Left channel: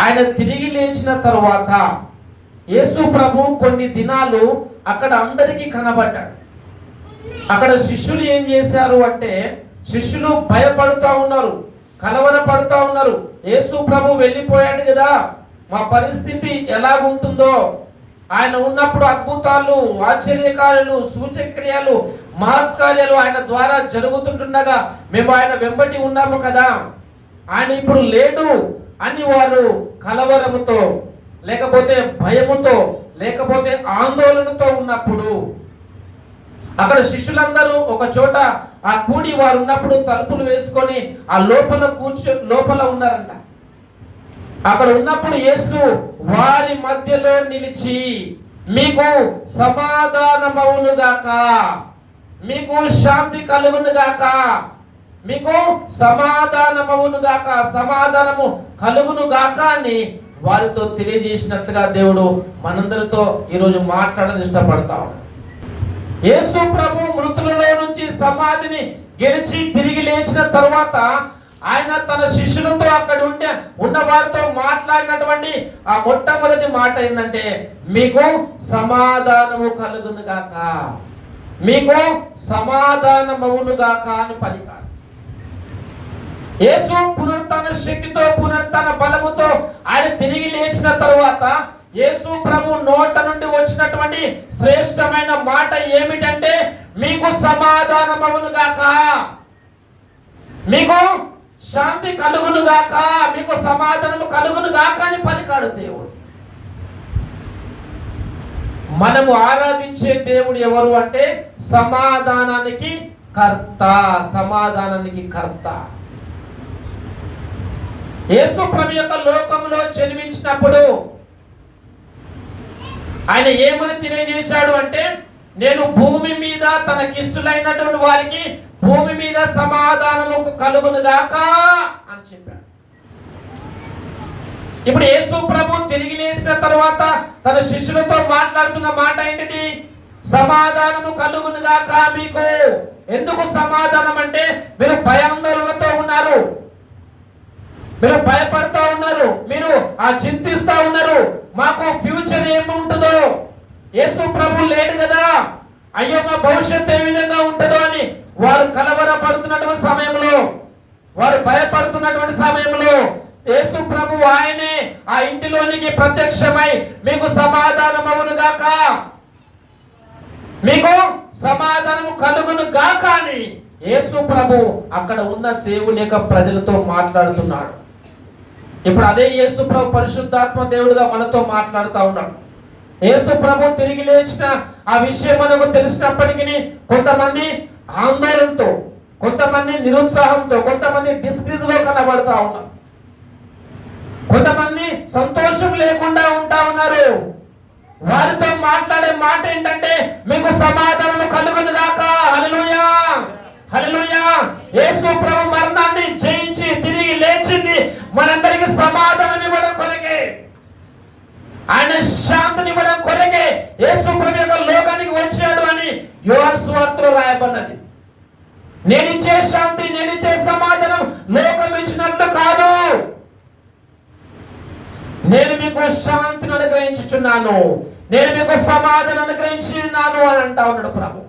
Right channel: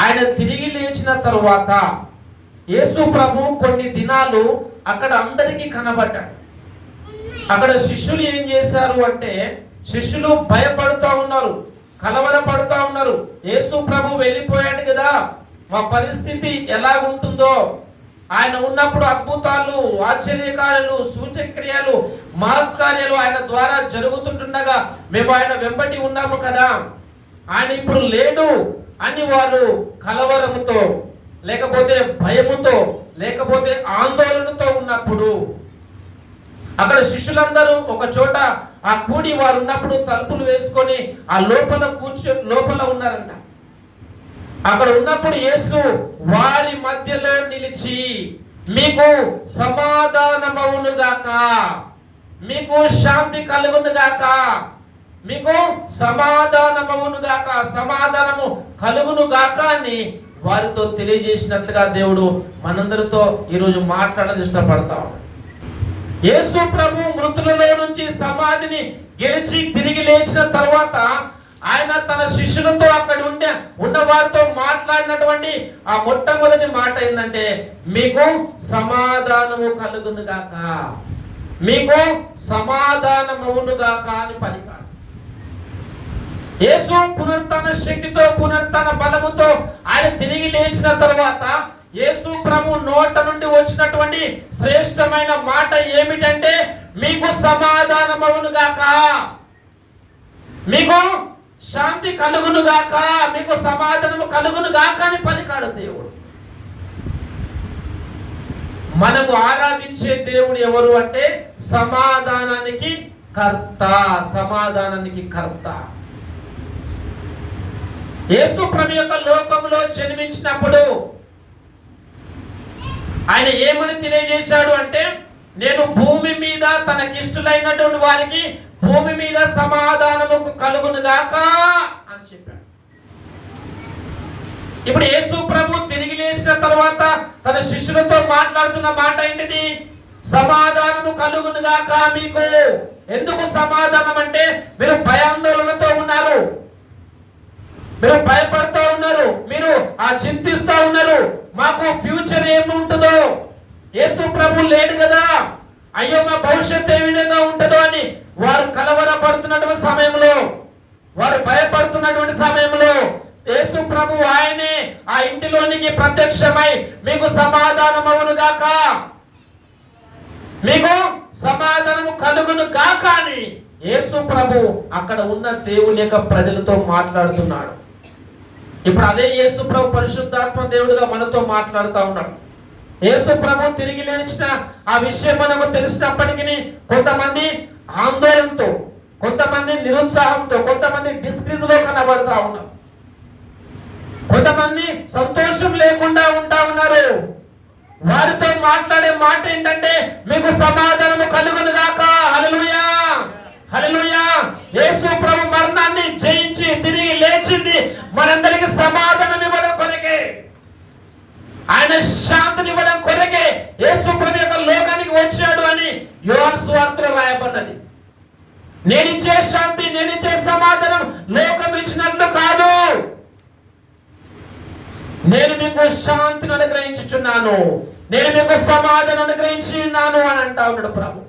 ఆయన తిరిగి లేచిన తరువాత యేసు ప్రభు కొన్ని దినాలు అక్కడ అందరికీ కనబడ్డాడు. అక్కడ శిష్యులు ఏం చేశారు అంటే, శిష్యులు భయపడుతూ ఉన్నారు, కలవరపడుతూ ఉన్నారు. యేసు ప్రభు వెళ్ళిపోయాడు కదా, మా పరిస్థితి ఎలాగుంటుందో, ఆయన ఉన్నప్పుడు అద్భుతాలు, ఆశ్చర్యకార్యాలు, సూచక్రియలు, మహత్కార్యాలు ఆయన ద్వారా జరుగుతుంటుండగా మేము ఆయన వెంబడి ఉన్నాము కదా, ఆయన ఇప్పుడు లేడు అని వారు కలవరముతో, లేకపోతే భయముతో, లేకపోతే ఆందోళనతో ఉన్నప్పుడు అక్కడ శిష్యులందరూ ఒక చోట ఆ కూడి వారు ఉన్నప్పుడు తలుపులు వేసుకొని ఆ లోపల ఉన్నారంట. అక్కడ ఉన్నప్పుడు యేసు వారి మధ్యలో నిలిచి, మీకు సమాధానమవునుగాక, మీకు శాంతి కలుగునుగాక, మీకు సమాధానమవునుగాక, సమాధానము కలుగునుగాక అని వారితో తెలియజేసినట్లుగా దేవుడు మనందరితో ఈరోజు మాట్లాడని ఇష్టపడతా ఉన్నాడు. యేసు ప్రభు మృతులలో నుంచి సమాధిని గెలిచి తిరిగి లేచిన తర్వాత ఆయన తన శిష్యులతో అక్కడ ఉన్న వారితో మాట్లాడినటువంటి ఆ మొట్టమొదటి మాట ఏంటంటే, మీకు సమాధానము కలుగునుగాక, మీకు సమాధానమవునుగాక అని పలికాడు. యేసు పునరుత్థాన శక్తితో, పునరుత్థాన బలముతో ఆయన తిరిగి లేచిన తర్వాత యేసు ప్రభు నోట నుండి వచ్చినటువంటి శ్రేష్టమైన మాట ఏమిటంటే, మీకు సమాధానమవునుగాక, మీకు శాంతి కలుగునుగాక, మీకు సమాధానము కలుగునుగాక అని పలికాడు దేవుడు. మనము ఆరాధించే దేవుడు ఎవరు అంటే సమాధానానికి కర్త, సమాధానానికి కర్త. యేసు ప్రభు యొక్క లోకంలో జన్మించినప్పుడు ఆయన ఏమని తెలియజేశాడు అంటే, నేను భూమి మీద తనకిష్టులైనటువంటి వారికి భూమి మీద సమాధానము కలుగునుగాక అని చెప్పాడు. ఇప్పుడు యేసు ప్రభు తిరిగి లేచిన తర్వాత తన శిష్యులతో మాట్లాడుతున్న మాట ఏంటిది? సమాధానము కలుగునుగాక మీకు. ఎందుకు సమాధానం అంటే, మీరు భయాందోళనతో ఉన్నారు, మీరు భయపడుతూ ఉన్నారు, మీరు చింతిస్తూ ఉన్నారు, మాకు ఫ్యూచర్ ఏముంటుందో, యేసు ప్రభు లేడు కదా, అయ్యో మా భవిష్యత్తు ఏ విధంగా ఉంటుందో అని వారు కలవరపడుతున్నటువంటి సమయంలో, వారు భయపడుతున్నటువంటి సమయంలో యేసు ప్రభు ఆయనే ఆ ఇంటిలోనికి ప్రత్యక్షమై మీకు సమాధానం అవునుగాక, మీకు సమాధానం కలుగును గాక అని యేసు ప్రభు అక్కడ ఉన్న దేవుని యొక్క ప్రజలతో మాట్లాడుతున్నాడు. ఇప్పుడు అదే యేసు ప్రభు పరిశుద్ధాత్మ దేవుడుగా మనతో మాట్లాడుతూ ఉన్నాడు. యేసు ప్రభు తిరిగి లేచిన ఆ విషయం మనకు తెలిసినప్పటికీ కొంతమంది ఆందోళనతో, కొంతమంది నిరుత్సాహంతో, కొంతమంది డిస్క్రీజ్ లో కనబడతా ఉన్నారు, కొంతమంది సంతోషం లేకుండా ఉంటా ఉన్నారు. వారితో మాట్లాడే మాట ఏంటంటే, మీకు సమాధానము కలుగునుగాక. హల్లెలూయా, హల్లెలూయా. యేసు ప్రభు మరణాన్ని జయించి తిరిగి లేచింది మనందరికి సమాధానం ఇవ్వడం కొరకే, ఆయన శాంతిని ఇవ్వడం కొరకే యేసు ప్రభు యొక్క లోకానికి వచ్చాడు అని యోహాను సువార్తలో రాయబడినది. నేనిచ్చే శాంతి, నేనిచ్చే సమాధానం లోకం ఇచ్చినట్లు కాదు, నేను మీకు శాంతిని అనుగ్రహించుచున్నాను, నేను మీకు సమాధానం అనుగ్రహించున్నాను అని అంటా ఉన్నాడు ప్రభు.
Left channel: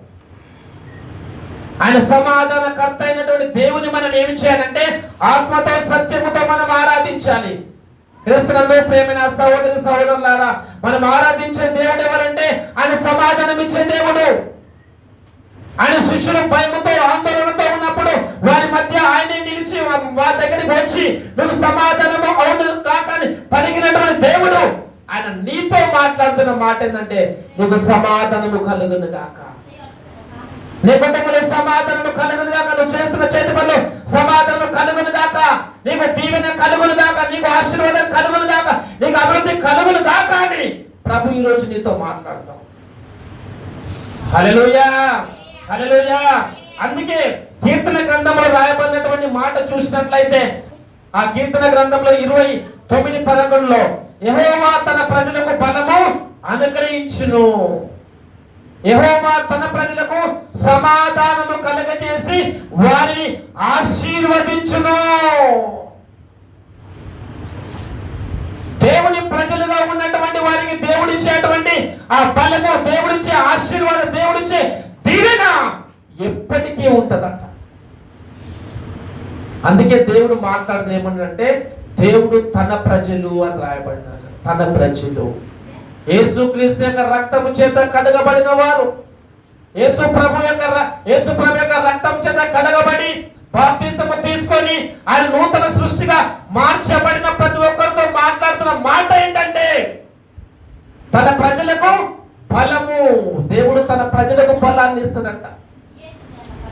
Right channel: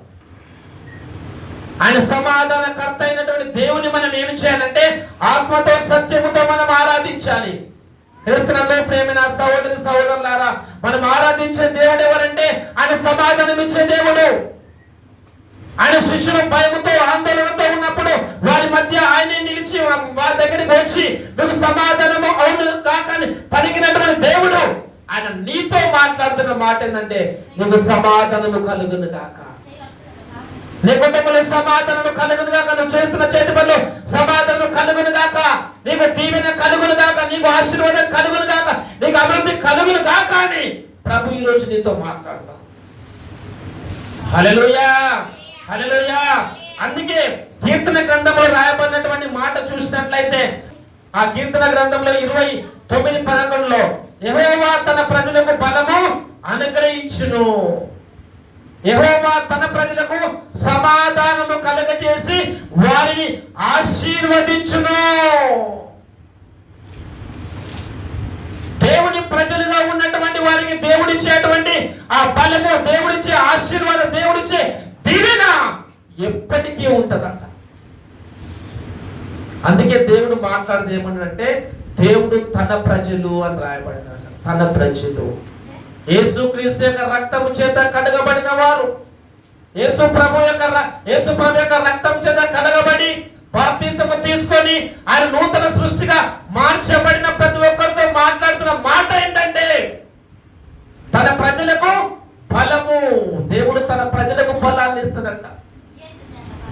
ఆయన సమాధానకర్త అయినటువంటి దేవుని మనం ఏమి చేయాలంటే ఆత్మతో సత్యముతో మనం ఆరాధించాలి. క్రీస్తునందు ప్రేమైన సహోదరి సహోదరులారా, మనం ఆరాధించే దేవుడు ఎవరంటే ఆయన సమాధానం ఇచ్చే దేవుడు. ఆయన శిష్యులు భయముతో ఆందోళనతో ఉన్నప్పుడు వారి మధ్య ఆయనే నిలిచి వారి దగ్గరికి వచ్చి మీకు సమాధానము అవును కాక అని పలికినటువంటి దేవుడు ఆయన నీతో మాట్లాడుతున్న మాట ఏంటంటే, నీకు సమాధానము కలుగును గాక, నీ కుటుంబంలో సమాధానము కలుగును గాక, నువ్వు చేస్తున్న చేతి పనులు సమాధానము కలుగును గాక, నీకు దీవెన కలుగును గాక, నీకు ఆశీర్వాదం కలుగును గాక, నీకు అభివృద్ధి కలుగును గాక అని ప్రభు ఈ రోజు నీతో మాట్లాడతాడు. హల్లెలూయా, హల్లెలూయా. అందుకే కీర్తన గ్రంథంలో రాయబడినటువంటి మాట చూసినట్లయితే ఆ కీర్తన గ్రంథంలో 29:11 యెహోవా తన ప్రజలకు బలము అనుగ్రహించును. యెహోవా తన ప్రజలకు సమాధానము కలుగజేసి వారిని ఆశీర్వదించును. దేవుని ప్రజలుగా ఉన్నటువంటి వారికి దేవుడిచ్చేటువంటి ఆ బలము, దేవుడిచ్చే ఆశీర్వాదం, దేవుడిచ్చే దీవెన ఎప్పటికీ ఉంటదంట. అందుకే దేవుడు మాట్లాడదు ఏమన్నాడంటే దేవుడు తన ప్రజలు అని రాయబడ్డాడు. తన ప్రజలు యేసుక్రీస్తు యొక్క రక్తము చేత కడగబడిన వారు, యేసు ప్రభు యొక్క రక్తం చేత కడగబడి బాప్తిసము తీసుకొని ఆయన నూతన సృష్టిగా మార్చబడిన ప్రతి ఒక్కరితో మాట్లాడుతున్న మాట ఏంటంటే తన ప్రజలకు బలము. దేవుడు తన ప్రజలకు బలాన్ని ఇస్తాడంట.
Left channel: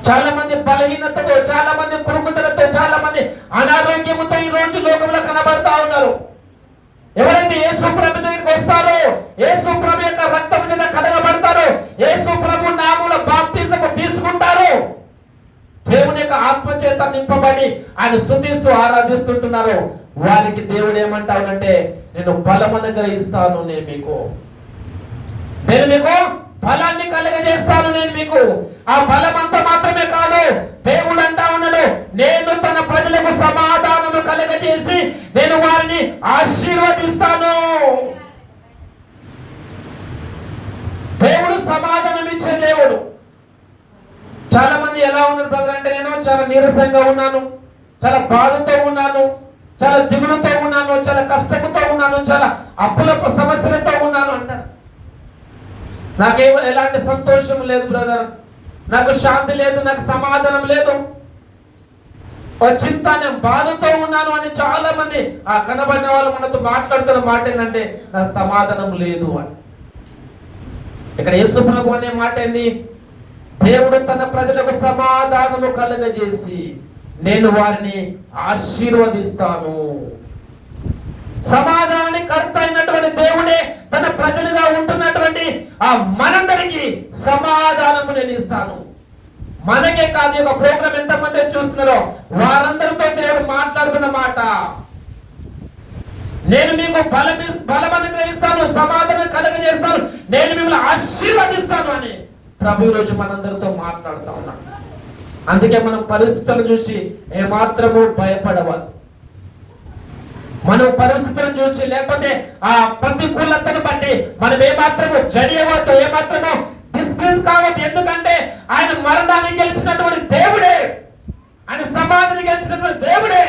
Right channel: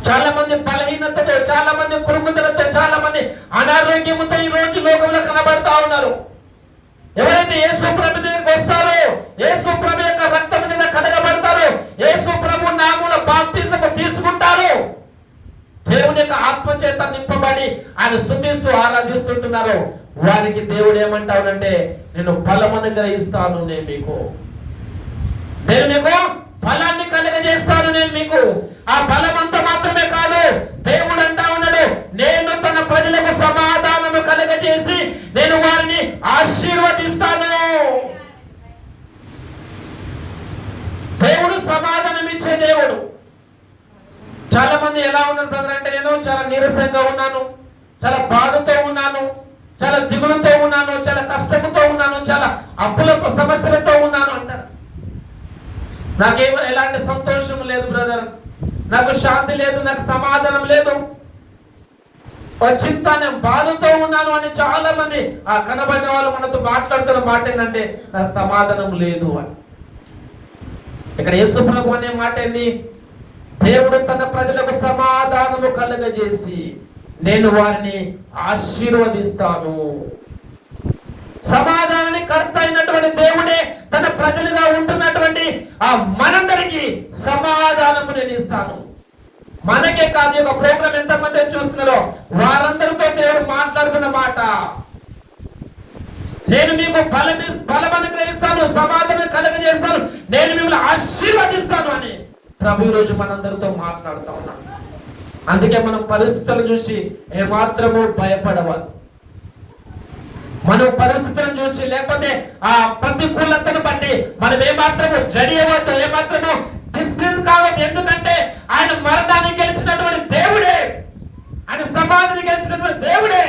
చాలా మంది బలహీనతతో, చాలా మంది కురుకుదలతో, చాలా మంది అనారోగ్యముతో ఈ రోజు లోకంలో కనబడతా ఉన్నారు. ఎవరైతే యేసు ప్రభు దగ్గరికి వస్తారో, యేసు ప్రభు యొక్క రక్తం మీద కడగబడతారో, యేసు ప్రభు నామములో బాప్తిసము తీసుకుంటారో, దేవుని యొక్క ఆత్మ చేత నింపబడి ఆయన స్తుతిస్తూ ఆరాధిస్తుంటున్నారు. వారికి దేవుడు ఏమంటావునంటే నేను బలము అనుగ్రహిస్తాను, నేను మీకు బలాన్ని కలుగజేస్తాను. నేను మీకు ఆ బలం అంతా మాత్రమే కాదు, దేవుడు అంటా ఉన్నాడు నేను తన ప్రజలకు సమాధానము కలుగజేసి నేను వారిని ఆశీర్వదిస్తాను. దేవుడు సమాధానం ఇచ్చే దేవుడు. చాలా మంది ఎలా ఉన్నారు బ్రదర్ అంటే నేను చాలా నీరసంగా ఉన్నాను, చాలా బాధతో ఉన్నాను, చాలా దిగులుతో ఉన్నాను, చాలా కష్టంతో ఉన్నాను, చాలా అప్పుల సమస్యలతో ఉన్నాను అంటారు. నాకేమో ఎలాంటి సంతోషం లేదు బ్రదర్, నాకు శాంతి లేదు, నాకు సమాధానం లేదు, చింత, నేను బాధతో ఉన్నాను అని చాలా మంది ఆ కనబడిన వాళ్ళు మనతో మాట్లాడుతున్న మాట ఏంటంటే నాకు సమాధానం లేదు అని. ఇక్కడ యేసు ప్రభు అనే మాట ఏంది? దేవుడు తన ప్రజలకు సమాధానము కలుగజేసి నేను వారిని ఆశీర్వదిస్తాను. సమాధానాన్ని కర్త అయినటువంటి దేవుడే తన ప్రజలుగా ఉంటున్నటువంటి ఆ మనందరికి సమాధానము నేను ఇస్తాను. మనకే కాదు, ఒక ప్రోగ్రాం ఎంతమంది చూస్తున్నారో వారందరితో దేవుడు మాట్లాడుతున్న మాట నేను మీకు బలం అనుగ్రహిస్తాను, సమాధానం కలుగజేస్తాను, నేను మిమ్మల్ని ఆశీర్వదిస్తాను అని ప్రభు రోజు మనందరితో మాట్లాడుతూ ఉన్నాడు. అందుకే మనం పరిస్థితులను చూసి ఏమాత్రము భయపడవద్దు. మనం పరిస్థితులను చూసి లేకపోతే ఆ ప్రతికూలతను బట్టి మనం ఏమాత్రము జడియవద్దు, ఏమాత్రము డిస్ప్రెస్ కావద్దు. ఎందుకంటే ఆయన మరణాన్ని గెలిచినటువంటి దేవుడే, ఆయన సమాధిని గెలిచినటువంటి దేవుడే,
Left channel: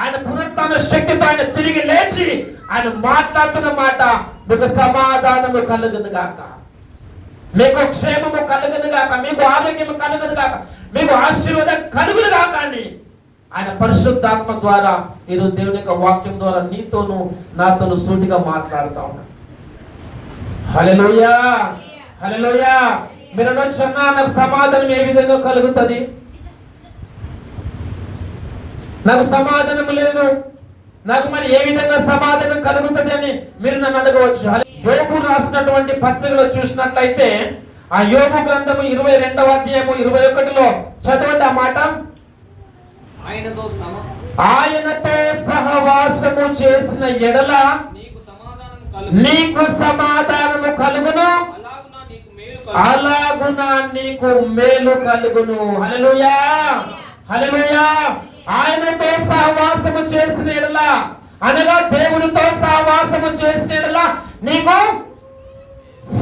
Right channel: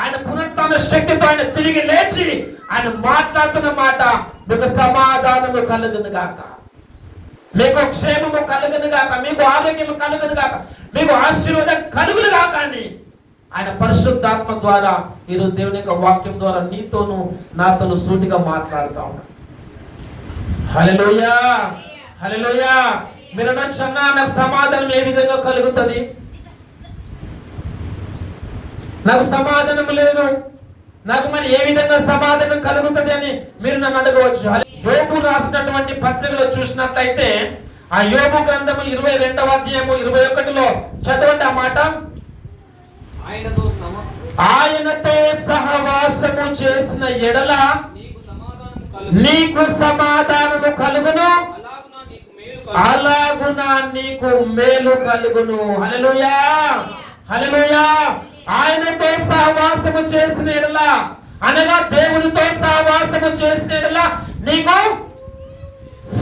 ఆయన పునరుత్థాన శక్తితో ఆయన తిరిగి లేచి ఆయన మాట్లాడుతున్న మాట మీకు సమాధానము కలుగును గాక, మీకు క్షేమము కలుగును గాక, మీకు ఆరోగ్యము కలుగును గాక, మీకు ఆశీర్వాదం కలుగును గాక అని ఆయన పరిశుద్ధాత్మ ద్వారా ఈరోజు దేవుని యొక్క వాక్యం ద్వారా నీతోను నాతోను సూటిగా మాట్లాడుతా ఉన్నాడు. హల్లెలూయా, హల్లెలూయా. మీరు అనొచ్చన్నా నాకు సమాధానం ఏ విధంగా కలుగుతుంది, నాకు సమాధానం లేదు, నాకు మరి ఏ విధంగా సమాధానం కలుగుతుంది అని మీరు నన్ను అడగవచ్చు. యోబు రాసినటువంటి పత్రికలో చూసినట్లయితే ఆ యోబు గ్రంథము 22వ అధ్యాయము 21లో చదవండి ఆ మాట. ఆయనతో సహవాసము చేసిన ఎడల నీకు సమాధానము కలుగును, అలాగున నీకు మేలు కలుగును. హల్లెలూయా, హల్లెలూయా. ఆయనతో సహవాసము చేసిన ఎడల అనగా దేవునితో సహవాసము చేసిన ఎడల నీకు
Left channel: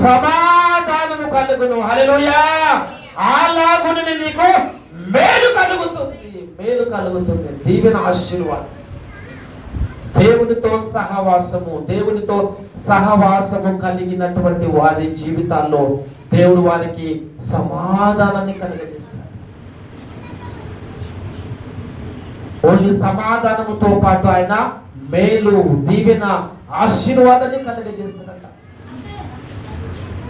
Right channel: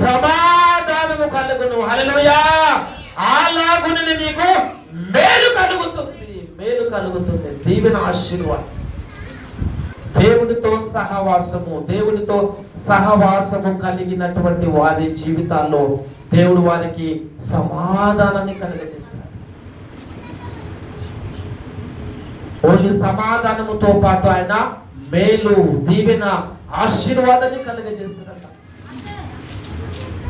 సమాధానము కలుగును. హల్లెలూయా. అలాగున నీకు మేలు కలుగుతుంది, మేలు కలుగుతుంది, దీవెన, ఆశీర్వాదం. దేవునితో సహవాసము కలిగినటువంటి వారి జీవితాల్లో దేవుడు వారికి సమాధానాన్ని కలిగిస్తాడు. ఓన్లీ సమాధానముతో పాటు ఆయన మేలు, దీవెన, ఆశీర్వాదాన్ని కలుగజేస్తాడట.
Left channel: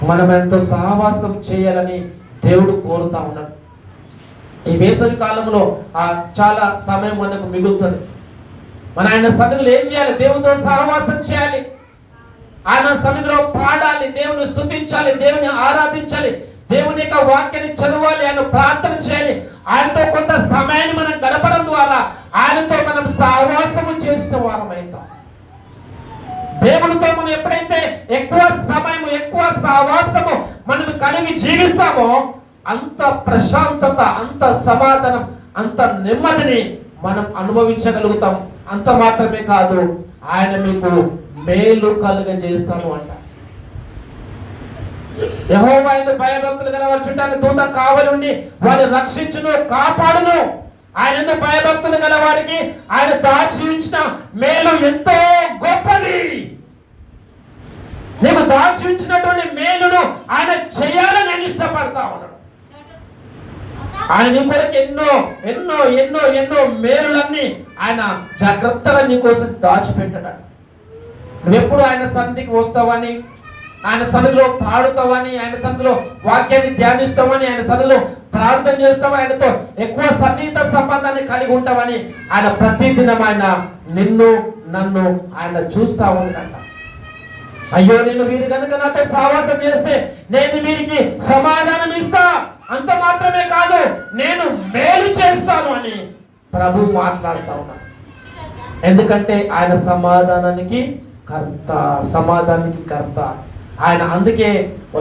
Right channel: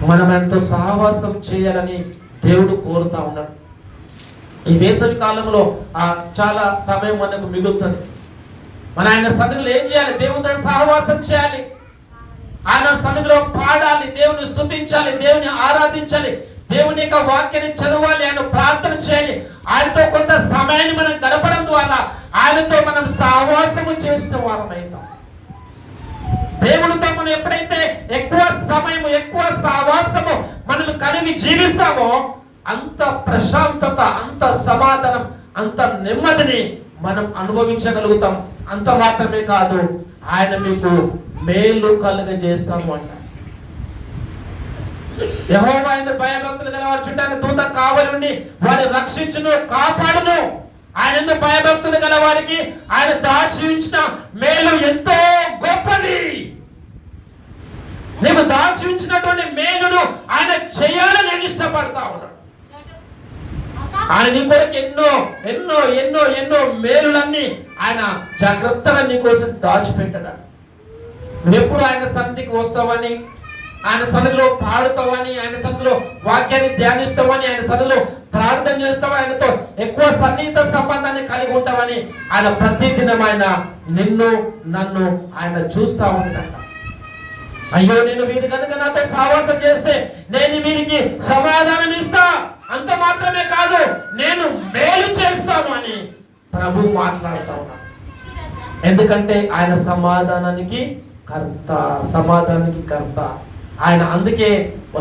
మనం ఎంతో సహవాసం చేయాలని దేవుడు కోరుతా ఉన్నాడు. ఈ వేసవి కాలంలో చాలా సమయం మనకు మిగులుతుంది. మన ఆయన సన్నిధిలో ఏం చేయాలి? దేవునితో సహవాసం చేయాలి, ఆయన సన్నిధిలో పాడాలి, దేవుని స్తుతించాలి, దేవుని ఆరాధించాలి, దేవుని యొక్క వాక్యాన్ని చదవాలి, ఆయన ప్రార్థన చేయాలి. ఆయనతో కొంత సమయాన్ని మనం గడపడం ద్వారా ఆయనతో మనం సహవాసము చేసిన వారమైతాం. దేవునితో మనం ఎప్పుడైతే ఎక్కువ సమయము, ఎక్కువ సహవాసము మనం కలిగి జీవిస్తామో అంత ప్రశాంతత, అంత సమాధానం, అంత నెమ్మదిని మనం అనుభవించగలుగుతాం. అంత మాత్రమే కాదు, ఆయన మీకు మేలు కలుగజేస్తాము అంట. యెహోవా యందు భయభక్తులు గల వారి చుట్టూ ఆయన దూత కావలుండి వారిని రక్షించును, కాపాడును. ఆయన యందు భయభక్తులు గల వారికి ఆయన దాచి ఉంచిన మేలు ఎంతో గొప్పది. నీకు దాచి ఉంచినటువంటి మేలును ఆయన చేయాలని నేను ఇష్టపడతా ఉన్నాడు. ఆయన నీ కొరకు ఎన్నో ఎన్నో ఎన్నో ఎన్నో మేలులన్నీ ఆయన జాగ్రత్తగా నీ కోసం దాచిపెట్టాడు. నువ్వెప్పుడు ఆయన సన్నిధికి వస్తావని, ఆయన సన్నిధిలో పాడుతావని, ఆయన సన్నిధిలో వాక్యాన్ని ధ్యానిస్తావని, ఆయన సన్నిధిలో ప్రార్థన చేస్తావని, ఆయనతో ఎక్కువ సన్నిహిత సంబంధాన్ని కలిగి ఉంటావని ఆయన ప్రతిదినం ఆయన నిన్ను నన్ను ఆయన చూస్తా ఉంటాడు. అయ్యో, నేను వీరు కనుక నాతో సహవాసం చేస్తే నేను వీరికి సమాధానం ఇస్తా, అంత మాత్రమే కాదు నేను మేలు చేస్తాను అని ప్రభు మాట్లాడుతా ఉన్నాడు. ఎందుకంటే ఆయన సమాధానానికి కర్త, సమాధానానికి కర్త ఆయన. అందుకే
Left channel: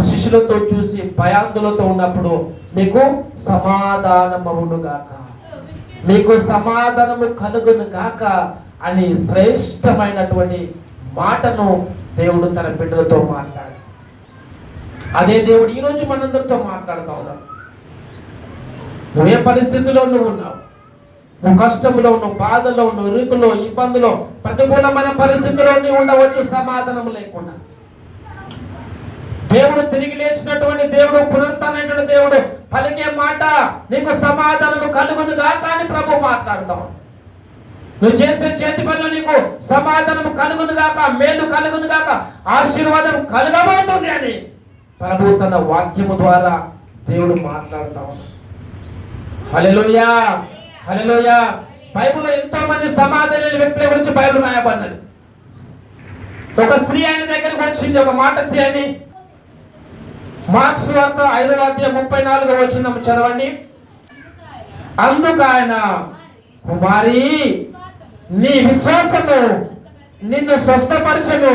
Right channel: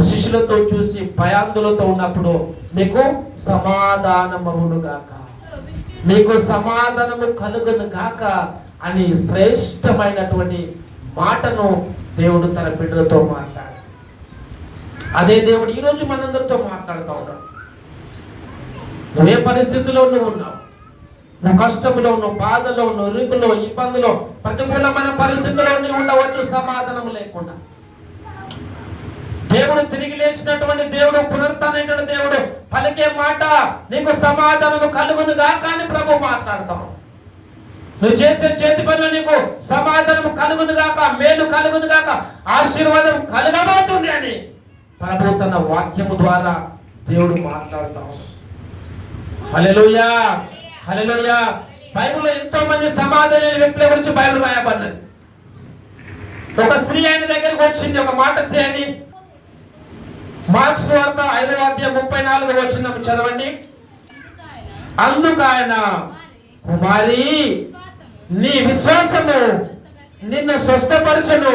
శిష్యులతో చూసి భయాందులతో ఉన్నప్పుడు నీకు సమాధానమవును గాక, నీకు సమాధానము కలుగును గాక అని శ్రేష్టమైనటువంటి మాటను దేవుడు తన బిడ్డలతో మాట్లాడాడు. అదే దేవుడు ఈరోజు మనందరితో మాట్లాడుతూ ఉన్నాడు. నువ్వు ఏ పరిస్థితిలో నువ్వు ఉన్నావు, నువ్వు కష్టంలో, నువ్వు బాధలో, నువ్వు ఇరుకులో, ఇబ్బందులో, ప్రతికూలమైన పరిస్థితుల్లో నువ్వు ఉండవచ్చు సమాధానం లేకుండా. దేవుడు తిరిగి లేచినటువంటి దేవుడు, పునరుత్థానమైన దేవుడు పలికే మాట నీకు సమాధానము కలుగును గాక అని ప్రభు మాట్లాడతాం. నువ్వు చేసే చేతి పనులు నీకు సమాధానము కలుగును గాక, మేలు కలుగును గాక, ఆశీర్వాదం కలగబోతుంది అని ప్రభు తన వాక్యము ద్వారా దేవుడు మాట్లాడతాం. హల్లెలూయా, హల్లెలూయా. బైబిల్లో ఎంతో మంది సమాధాన వ్యక్తుల గురించి బైబిల్ రాయబడినది. ఒక స్త్రీ ఆయన దగ్గరికి వచ్చింది, ఒక మాట చేయండి. మార్క్స్ వార్త 5వ అధ్యాయం 34వ వచనం చదవండి. అందుకు ఆయన, కుమారి, నీ విశ్వాసము నిన్ను స్వస్థపరచును,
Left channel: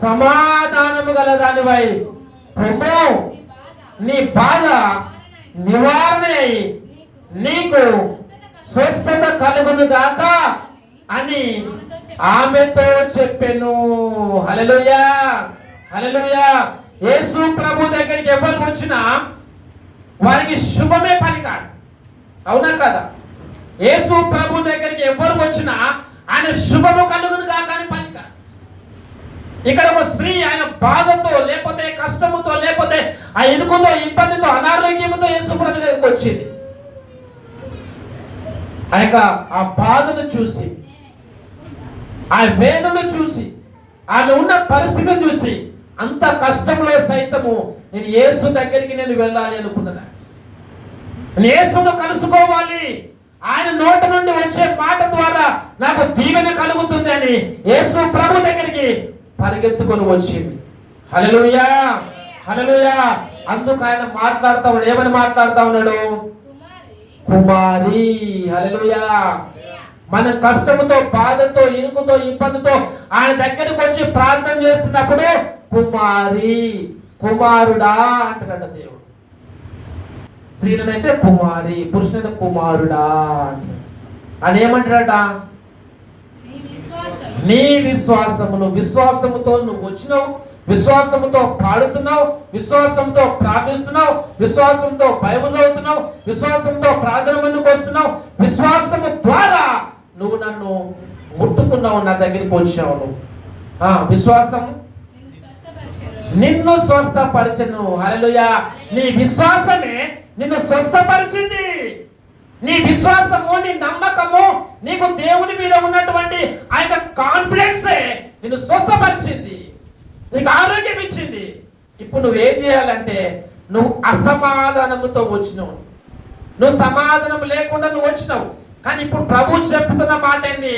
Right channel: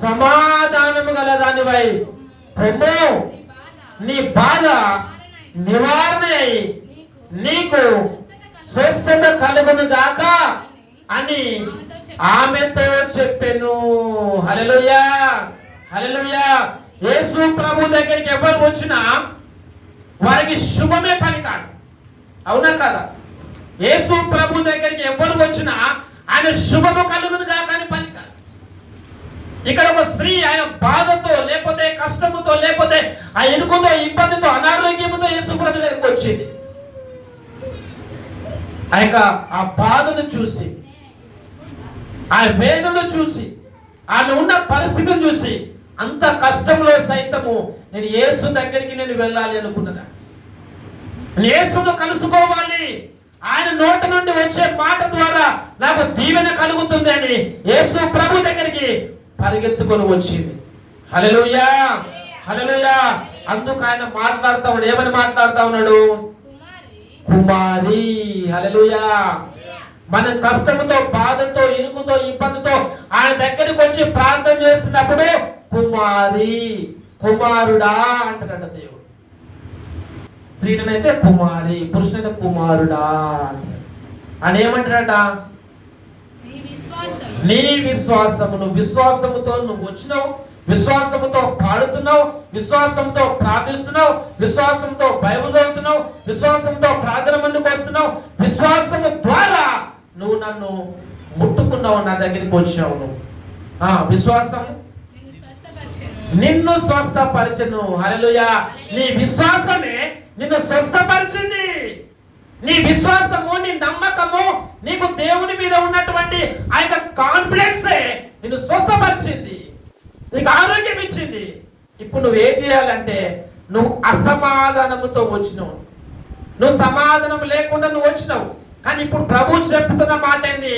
సమాధానము గల దానివై పొమ్ము, నీ బాధ నివారణ నీకు స్వస్థత కలుగును గాక అని ఆమెతో చెప్పెను. హల్లెలూయా, హల్లెలూయా. యేసు ప్రభు దగ్గరికి ఎవరు వచ్చినా వారికి శుభమే పలికాడు. అవునా కదా? యేసు ప్రభు దగ్గరికి ఎవరు వచ్చినా ఆయన శుభము కలుగును గాక అని పలికాడు. ఇక్కడ ఒక స్త్రీ ఆయన బాధతో, లేకపోతే కష్టముతో, లేకపోతే ఆ ఇరుకుతో, ఇబ్బందితో, అనారోగ్యముతో యేసు ప్రభు దగ్గరికి వచ్చింది. ఆ బాధను చూసి, ఆ వేదనను చూసి, ఆమె ఉన్న పరిస్థితిని చూసి, అంత కష్టంలో సైతము నేను యేసు దగ్గరికి నేను వెళ్ళాలి అనుకున్నాను. నేను యేసును కలుసుకోవాలి, ఆయన నోటి నుండి వచ్చే మాట ద్వారా నాకు దీవెన కలుగుతుంది అని యేసు ప్రభు దగ్గరికి పరిగెత్తుకొని వచ్చింది. హల్లెలూయా, హల్లెలూయా. అందుకు ఆయన మాట్లాడుతా ఉన్నాడు. ఏమని మాట్లాడుతా ఉన్నాడు? కుమారి. హల్లెలూయా. మన కష్టముతో, బాధతో, ఇరుకుతో, ఇబ్బందితో ఆయన దగ్గరికి వచ్చి ప్రార్థన చేస్తున్నప్పుడు కుమారి, కుమారుడా అంటాడు దేవుడు. స్త్రీలనైతే కుమారి, పురుషునైతే కుమారుడా అంటాడు. అని ఏమంటాడట? నీ విశ్వాసమును, విశ్వాసముతో నువ్వు వచ్చినావు, విశ్వాసముతో పాడుతున్నావు, విశ్వాసంతో ప్రార్థిస్తున్నావు, విశ్వాసంతో బైబిల్ చదువుతున్నావు, విశ్వాసంతో ప్రార్థన మందుకు వస్తున్నావు, విశ్వాసము ద్వారా నువ్వు నన్ను ముట్టుకున్నావు, నా దగ్గరికి వచ్చావు. విశ్వాసం నిన్ను స్వస్థపరచను. హల్లెలూయా. నీ విశ్వాసమే నిన్ను స్వస్థపరిచింది. నీ విశ్వాసము, నీ నమ్మకము, నీకు దేవుని మీద ఉన్నటువంటి ఆ యొక్క కాన్ఫిడెన్సే నిన్ను స్వస్థపరిచింది, నీకు ఆరోగ్యం ఇచ్చింది. ఇప్పుడు నువ్వేం చేయాలంటే, నువ్వు అసమాధానముతో వచ్చినావు, నువ్వు సమాధానం లేకుండా నువ్వు వచ్చినావు. కానీ ఇప్పుడు ప్రభు చెప్తున్న మాట ఏంది?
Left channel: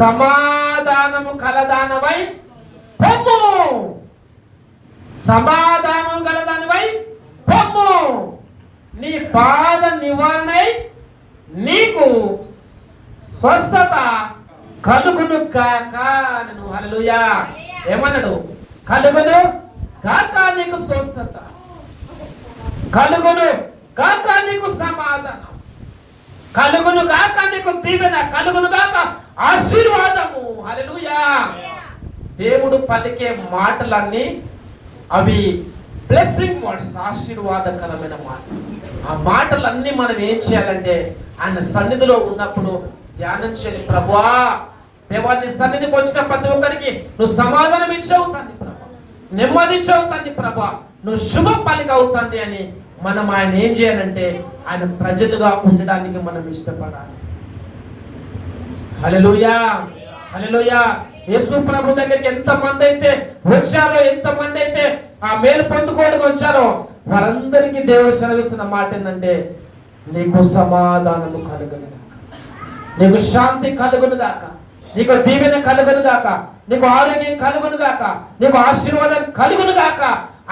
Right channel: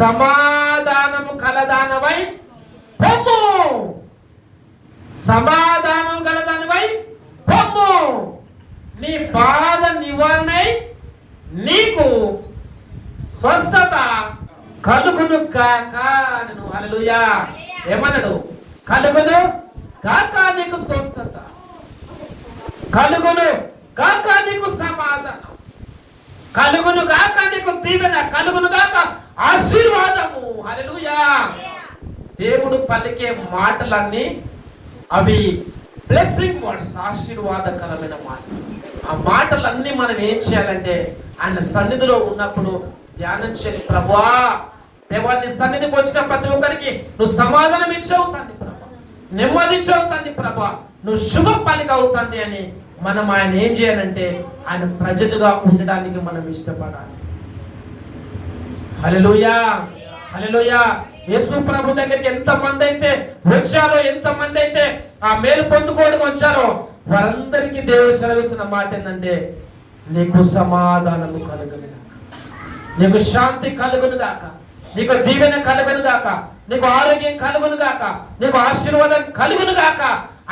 సమాధానము కలదానవై పొమ్ము, సమాధానం కలదానివై పొమ్ము, నీ బాధ నివారణ నీకు స్వస్థత కలుగును కాక. హల్లెలూయా. ఏమన్నాడు? కలుగును కాక నీకు స్వస్థత, కలుగును కాక నీకు సమాధానం, కలుగును గాక నీకు దీవెన, కలుగును గాక ఆశీర్వాదము. హల్లెలూయా. దేవుడు పలికే మాటలన్నీ అవి బ్లెస్సింగ్ వర్డ్స్, ఆశీర్వాదకరమైన మాటలు. ఆ మాటలన్నీ మనం ఏం చేయాలంటే ఆయన సన్నిధిలో ఉన్నప్పుడు ధ్యానం చేయాలి. ప్రభువా, దేవాన్ని సన్నిధికి వచ్చిన ప్రతి ఒక్కరికి నువ్వు సమాధానం ఇచ్చావు తండ్రి ప్రభా, నెమ్మది ఇచ్చావు తండ్రి ప్రభా, నువ్వు శుభ పలిక అవుతండి అని మనం ఆయన ఏం చేయాలంటే ఆయన ప్రజలుగా ఉండడానికి మనం ఇష్టపడాలి. హల్లెలూయా, హల్లెలూయా. యేసు ప్రభు దగ్గరికి ఎంతమంది అయితే వచ్చారో, ఎంతమంది అయితే ఆ మేలు పొందుకోవడానికి వచ్చారో వారందరికీ దేవుడు సెలవిస్తున్న మాట ఏంటంటే నీకు సమాధానము కలుగును, నీకు శాంతి కలుగును గాక, నీకు దీవెన కలుగును గాక, నీకు ఆరోగ్యం కలుగును గాక, నీకు ఆశీర్వాదం కలుగును గాక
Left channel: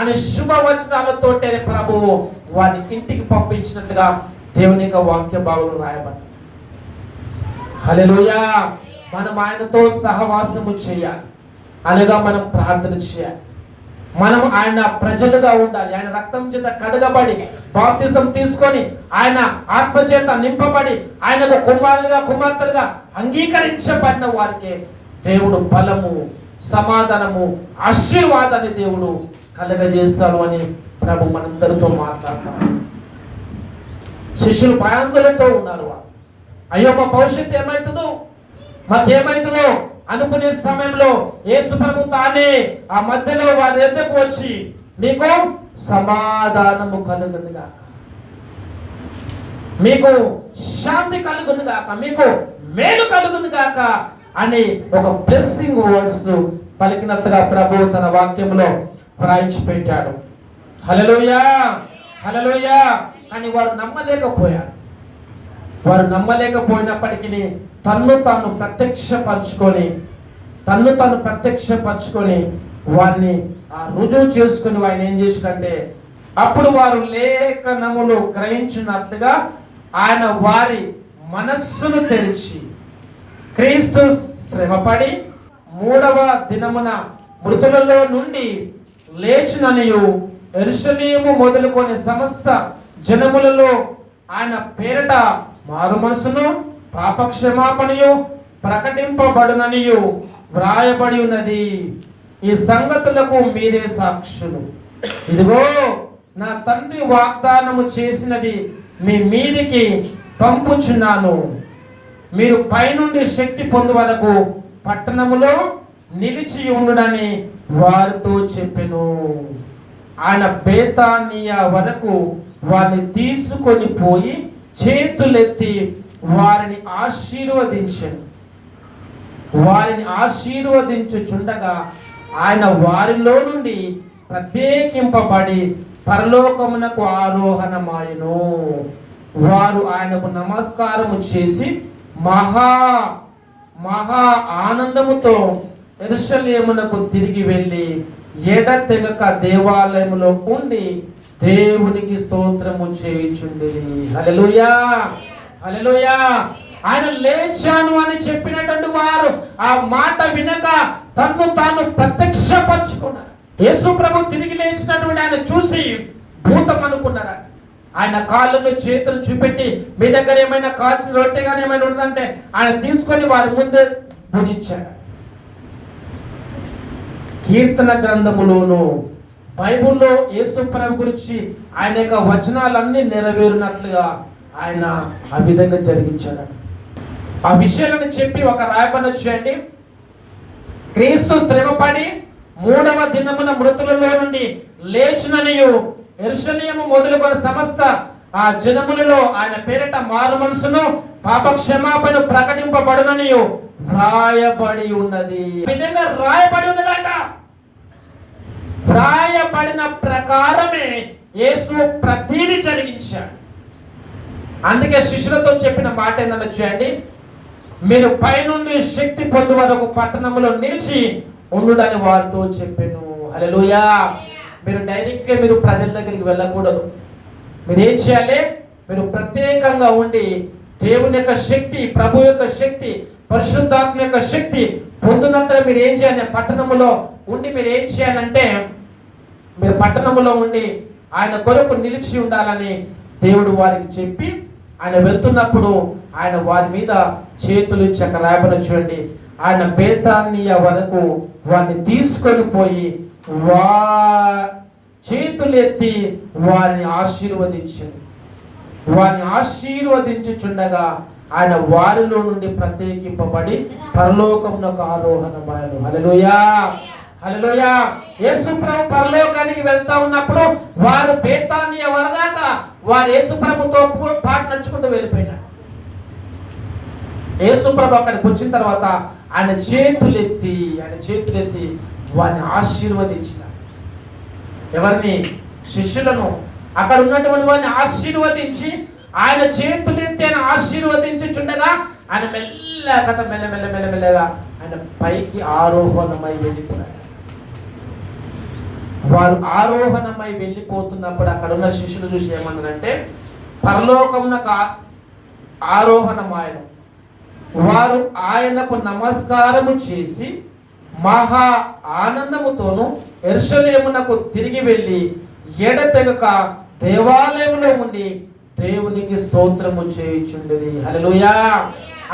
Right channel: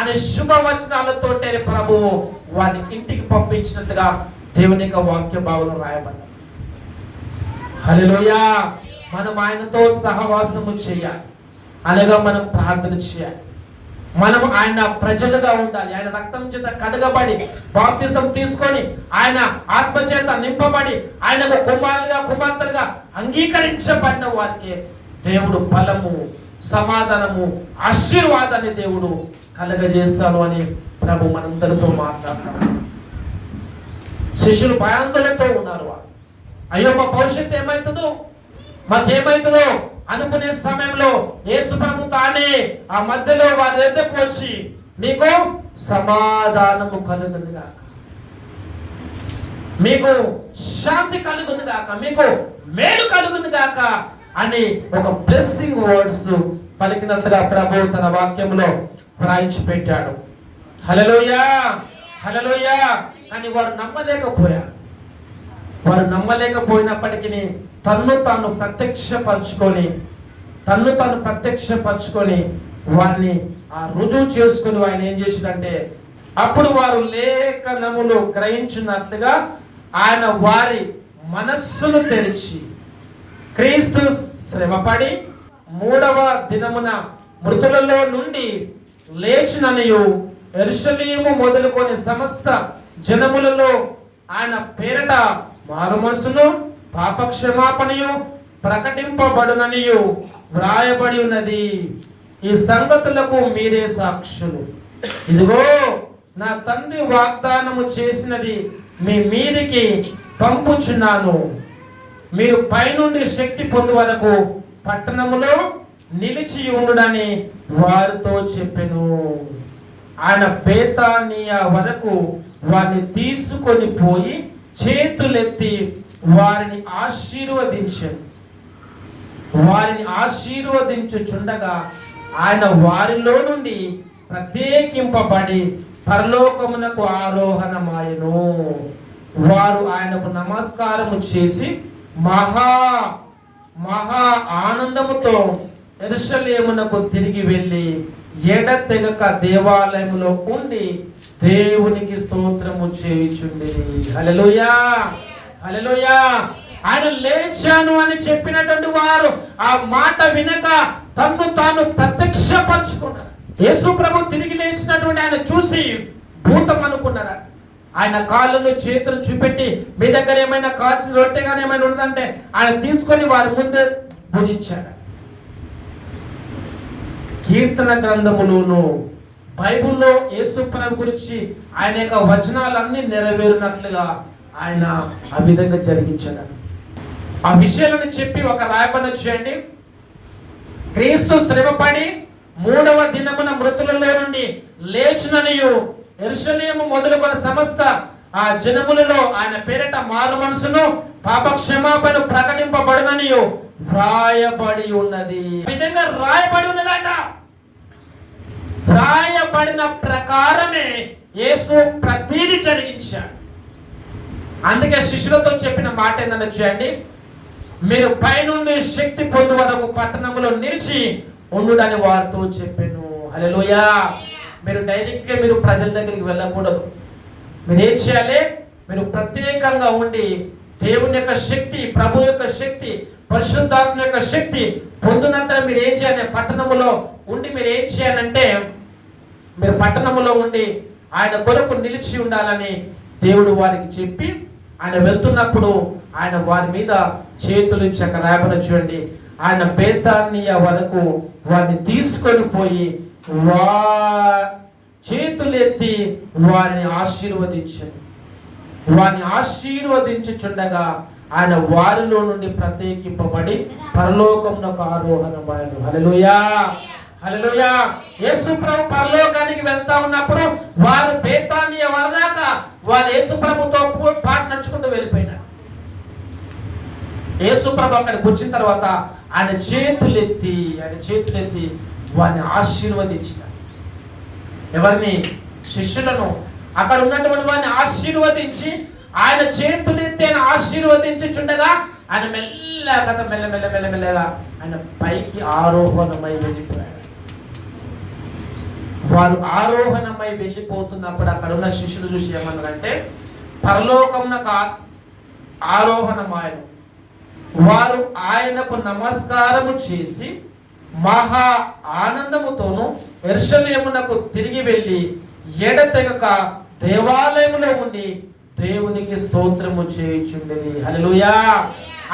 అనే శుభవచనాలతోటే ప్రభువు వారిని ఇంటికి పంపించినట్టుగా దేవుని యొక్క వాక్య భాగంలో రాయబడింది. హల్లెలూయా. మనం ఆయనతో సహవాసము చేయాలి, అనగా మనం ప్రార్థన చేయాలి, మనం ఆయన ప్రజలుగా ఉండాలి. ఆయన రక్తం చేత కడగబడి బాప్తిజం తీసుకొని ఆయన ఆత్మ చేత నింపబడి ఆయనకు కుమారులుగా కుమార్తెలుగా అంగీకరించబడిన వారికి దేవుడు బలము, సమాధానము, ఆశీర్వాదాన్ని దేవుడు కలగజేస్తాను అని ప్రభు మనందరితో మాట్లాడతారు. శిష్యులు భయాందోళనతో ఉన్నారు. అయ్యో మా భవిష్యత్తు ఏమవుతుందో, మాకేమవుతుందో అనుకునే సమయంలో యేసు ప్రభు తానే ఆ మధ్యలో వారి ఎద్దకు వచ్చి మీకు సమాధానము కలుగును గాక, మీకు శాంతి కలుగును గాక, మీకు మేలు కలుగును గాక అని ఒక బ్లెస్సింగ్ వర్డ్స్ పలికినట్లుగా ప్రభు తన వాక్యంలో వ్రాయించి పెట్టాడు. హల్లెలూయా, హల్లెలూయా. కానీ వారు నమ్మలేకపోయారు. వారు నమ్మలేకపోయినప్పటికీ తన్ను తాను ప్రత్యక్షపరచుకొని వారిని రుజువు చేసుకుని ఆయన ఏం చేసినంటే అప్పుడు వారు లేఖనములు గ్రహించినట్లుగా ఆయన వారి మనస్సును తెరిచి క్రీస్తు శ్రమపడి 3వ దినమున మృతులలో నుండి లేచిననియు యెరూషలేము మొదలుకొని సమస్త జనములలో ఆయన పేరట మారు మనసును పాపక్షమాపణయు ప్రకటింపబడుననియు వ్రాయబడి ఉన్నది. ఈ సంగతులకు మీరే సాక్షులు. ఇదిగో నా తండ్రి వాగ్దానము చేసినది మీ మీదికి పంపుచున్నాను. మీరు పైనుండి శక్తి పొందు వరకు పట్టణములో నిలిచి ఉండునని వారితో చెప్పెను. ఆయన బేతానియా వరకు వారిని తీసుకొని పోయి చేతులెత్తి వారిని ఆశీర్వదించుచుండగా ఆయన వారిలో నుండి ప్రత్యేకింపబడి పరలోకమునకు ఆరోహణమాయెను. వారు ఆయనకు నమస్కారము చేసి మహా ఆనందముతో యెరూషలేమునకు తిరిగి వెళ్ళి ఎడతెగక దేవాలయములో ఉండి దేవునికి స్తోత్రము చేయుచుండిరి. హల్లెలూయా, హల్లెలూయా. ఆయన లేచాను అని చెప్పినటువంటి వారు ఆ మాట వినక తన్ను తాను ప్రత్యక్షపరచుకున్నారు. యేసు ప్రభు తిరిగి లేచినటువంటి ఆయన చూసి భూతం అనుకున్నారు. ఆయన కాళ్ళను చేతులు చూపెట్టి మీ దగ్గర ఏమైనా కాల్చిన రొట్టె కానీ ఏమైనా ఉందంటే ఆయన తీసుకొని వారి ముందు భుజించాడు. కీర్తన గ్రంథములోను బైబుల్లో యేసు ప్రభు గురించి ఆయన యొక్క వచనాలన్నీ నెరవేరినట్లుగా ఆయన ఆ విధంగా జరిగించాడు. ఆ విషయాలను చెప్పి ఒక రాయబడిన చేయండి. క్రీస్తు శ్రమపడి 3వ దినమున మృతులలో నుండి లేచిననియు యెరూషలేము మొదలుకొని సమస్త ఆ జనములలో ఆయన పేరిట మారు మనసును పాపక్షమాపణ ప్రకటింపబడుననియు వ్రాయబడి ఉన్నది. ఈ విధంగా రాయబడి ఉన్నదంట. వ్రాయబడిన ప్రకారమే యేసు ప్రతిదీ జరిగించాడు. అందుకే శిష్యులతో చెప్పిన మాట ఏంటంటే చేయండి, మీరు పైనుండి శక్తి పొందు వరకు పట్టణంలో నిలిచి ఉండుడని వారితో చెప్పాను. హల్లెలూయా. మీరు డైరెక్ట్గా మీరు ప్రజల దగ్గరికి వెళ్ళకూడదు. మీరు ఏం చేయాలి? మీరు ప్రత్యేకంగా ఉండి దేవుని యొక్క శక్తి, ప్రభు యొక్క శక్తి, పరిశుద్ధాత్మ యొక్క శక్తి పొందినట్టు మీరు ఏం చేయాలి? పట్టణంలో ఉండి మీరు ఏం చేయాలంటే మీరు పట్టణములో ఉండి ఆయన కొరకు నిలిచి ఉండాలని దేవుడు వారికి చెప్పి ఆయన వెళ్తున్నప్పుడు ఆయన వారి మీద చేతులు రాయబడి చూడండి. ఆయన బేతానియ వరకు వారిని తీసుకొని పోయి చేతులు ఎత్తి వారిని ఆశీర్వదించాడు. వారిని ఆశీర్వదించుచుండగా ఆయన వారిలో నుండి ప్రత్యేకింపబడి పరలోకమునకు ఆరోహణమాయను. హల్లెలూయా, హల్లెలూయా. యేసు ప్రభు పరలోకానికి వెళ్తా ఉన్నప్పుడు వారు బేతానియ వరదాకా వారు యేసు ప్రభుతో పాటు నడుచుకుంటూ వెళ్ళిపోయినారు. యేసు ప్రభు అక్కడికి వచ్చిన తర్వాత ఆయన చేతులెత్తి వారిని ఆశీర్వదించిన ఎవరిని? శిష్యులను. అక్కడ ఉన్నటువంటి వారిని ఆశీర్వదించి ఆయన చేతులెత్తి ఆయన ఆశీర్వదించుచుండగా ఆయన మెల్లగా ఆయన పైకి ఆరోహణమై వెళ్ళిపోయారు. వారు ఆరోహణమై వెళ్ళిపోతున్నప్పుడు అక్కడ ఉన్న శిష్యులు చూసి ఏమన్నారంటే, పరలోకమునకు ఆరోహణమాయను. వారు ఆయనకు నమస్కారము చేసి మహా ఆనందముతోను యెరూషలేమునకు తిరిగి వెళ్ళి ఎడతెగక దేవాలయంలో ఉండి దేవునికి స్తోత్రము చేయుచుండేది. హల్లెలూయా.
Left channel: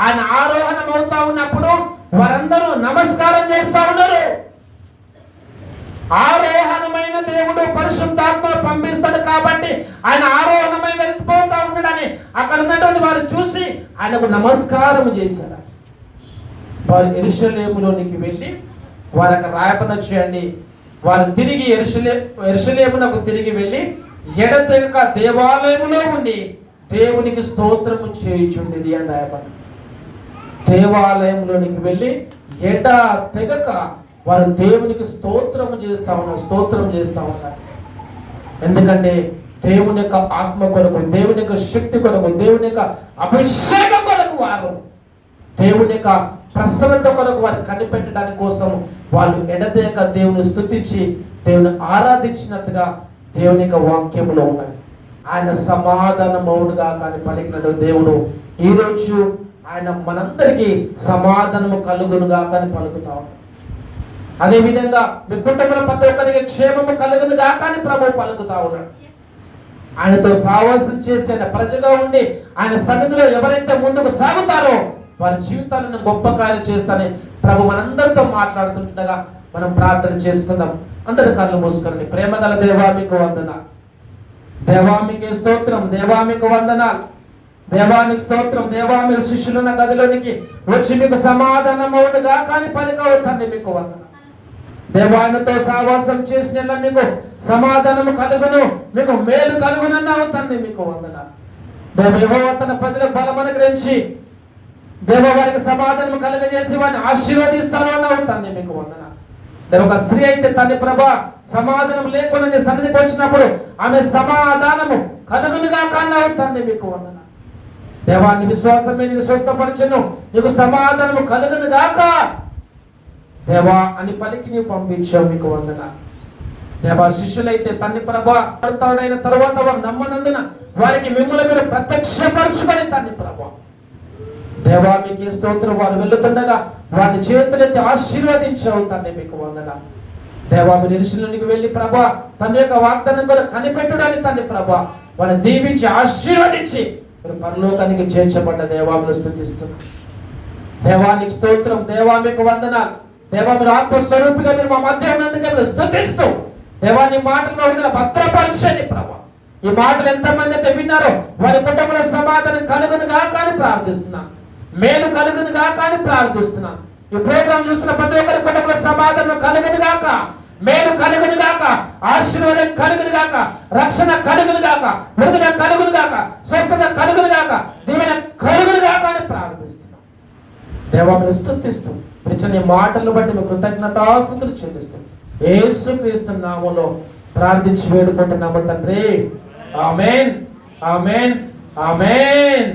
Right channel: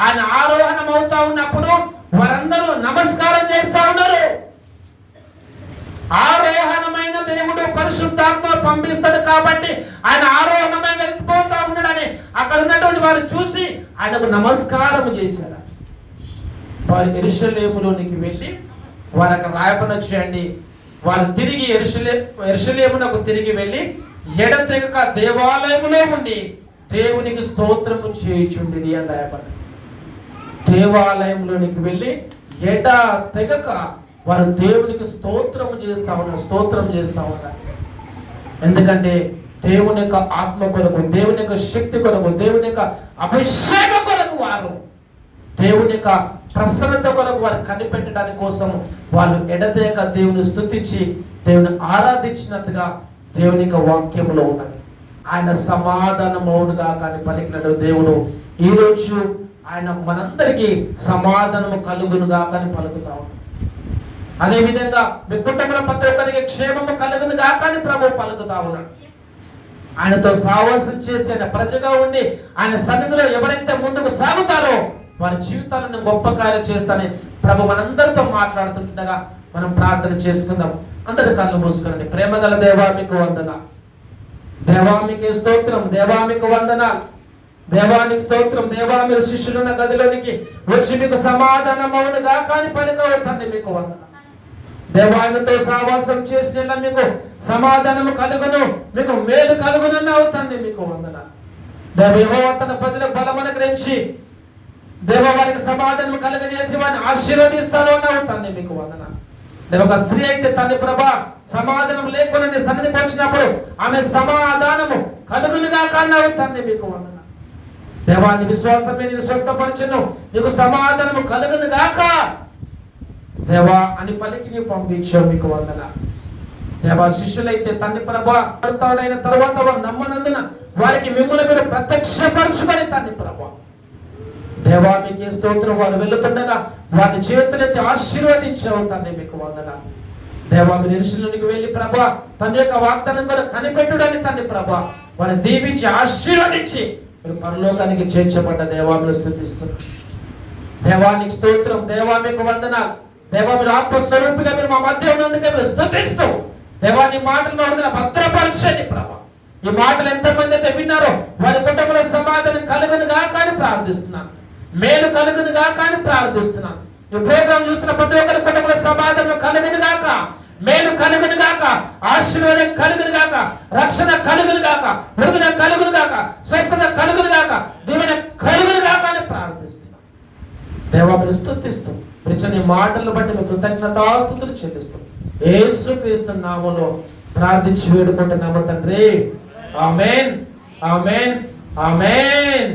ఆయన ఆరోహణం అవుతా ఉన్నప్పుడు వారందరూ నమస్కారం చేస్తా ఉన్నారు. ఆరోహణమైన దేవుడు పరిశుద్ధాత్మ పంపిస్తాడు కాబట్టి ఆయన ఆరోహణమై వెళ్ళిపోతా ఉన్నాడని అక్కడ ఉన్నటువంటి వారు చూసి ఆయనకు నమస్కారం చేశారు. వారు యెరూషలేములోనికి వెళ్ళి వారు అక్కడ రాయబడి చేయండి. వారు తిరిగి యెరూషలేమునకు తిరిగి వెళ్ళి ఎడతెగక దేవాలయంలో ఉండి దేవునికి స్తోత్రము చేయుచుండేది అని రాయబడి. దేవాలయంలోనికి వెళ్ళి ఎడతెగక వారు దేవునికి స్తోత్రం చేస్తా ఉన్నారు. ఎందుకంటే దేవుని యొక్క ఆత్మ కొరకు, దేవుని యొక్క శక్తి కొరకు, దేవుని యొక్క అభిషేకం కొరకు, వారు దేవుని యొక్క ప్రసన్నత కొరకు వారు కనిపెట్టడానికి కోసం వాళ్ళు ఎడతెగక దేవుని స్తుతించి దేవుని ఆరాధించినట్టుగా దేవుని యొక్క వాక్యములో ఉన్నది. ఆయన సమాధానమౌనుగా కానీ పలికిన దేవుడు ఈరోజు ఆయన మనందరికీ సమాధానము కలుగునుగా కానీ పలుకుతాం. అదే విధంగా మీ కుటుంబంలో ప్రతి ఒక్కరికి క్షేమము కలుగునుగా కానీ ప్రభు పలుకుతా ఉన్నాడు. ఆయనతో సావాసం చేసి ఆయన ప్రజగా ఉండి ఆయన సన్నిధిలో ఎవరైతే ముందుకు సాగుతారో వారి జీవితాలను గొప్ప కార్యం చేస్తానని ప్రభు మనందరితో మాట్లాడుతుండగా మనం ప్రార్థన చేసుకుందాం. అందరి కళ్ళు మూసుకోండి. ప్రేమ గల దేవా మీకు వందనాలు, దేవా మీకు స్తోత్రం, దేవా మీకు వందనాలు, దేవానికి స్తోత్రం. దేవా మీరు శిష్యులున్న గదిలోనికి వచ్చి మీకు సమాధానమౌనుగా కానీ పలికవుతండి మీకు వందనాలు. దేవానితో సావాసం చేసిన మీకు సమాధానము కలుగును, మీకు మేలు కలుగునని అవుతండి మీకు వందనాలు. దేవ తన ప్రజల బలం అనుగ్రహించి దేవ వారికి సమాధానం కలుగజేసి వారిని ఆశీర్వదిస్తాను అని అవుతాను మీకు వందనాలు. నేను ఒక స్త్రీ అయితే తండ్రి ప్రభా సమాధానం లేకుండా నీ సన్నిధికి వచ్చినప్పుడు ఆమె సమాధానము కలుగునుగా కానీ అవుతాను మీకు వందనాలు. దేవాన్ని విశ్వాసం మీద స్వస్థపరచను, నీకు సమాధానము కలుగును గాక దేవా అని పలికి నీవు పంపించావు మీకు వందనాలు. దేవా శిష్యులైతే తండ్రి ప్రభా భర్తవుడైన తర్వాత వారు నమ్మనందున వారికి మిమ్మల్ని మీరు ప్రత్యక్షపరచుకొని తండ్రి ప్రభా దేవా మీకు స్తోత్రం. వారు వెళ్తుండగా వారి చేతులెత్తి ఆశీర్వదించావు తండ్రి మీకు వందనాలు. దేవా మీరు యెరూషలేముకి వెళ్ళి ప్రభా తన యొక్క వాగ్దానం కూడా కనిపెట్టుడని తండ్రి ప్రభా వారిని దీవించి ఆశీర్వదించి మీరు పరలోకానికి చేర్చబడ్డ దేవా మీరు స్తుతిస్తున్నాం. దేవానికి స్తోత్రం, దేవా మీకు వందనాలు. దేవా మీరు ఆత్మస్వరూపిగా మీరు మా మధ్య ఉన్నందుకే మీరు స్తుతిస్తూ దేవా నీ మాటలు మా భద్రపరచండి ప్రభా. ఈ మాటలు ఎంతమంది అయితే విన్నారో వారి కుటుంబంలో సమాధానం కలుగునుగా కానీ ప్రార్థిస్తున్నాను, మేలు కలుగునుగా కానీ ప్రార్థిస్తున్నాను. ఈ ప్రోగ్రాం చూస్తున్న ప్రతి ఒక్కరి కుటుంబంలో సమాధానం కలుగునుగాక, మేలు కలుగునుగాక, ఆశీర్వాదం కలుగునుగాక, రక్షణ కలుగునుగాక, విడుదల కలుగునుగాక, స్వస్థత కలుగునుగాక, దీవెన కలుగునుగాక అని ప్రార్థిస్తున్నాను. దేవా మీరు స్తుతిస్తూ నీ మాటలను బట్టి మీ కృతజ్ఞతాస్తుతులు చెల్లిస్తాం. యేసుక్రీస్తు నామములో ప్రార్థించి వేడుకుంటున్నాము తండ్రి. ఆమేన్, ఆమేన్, ఆమేన్.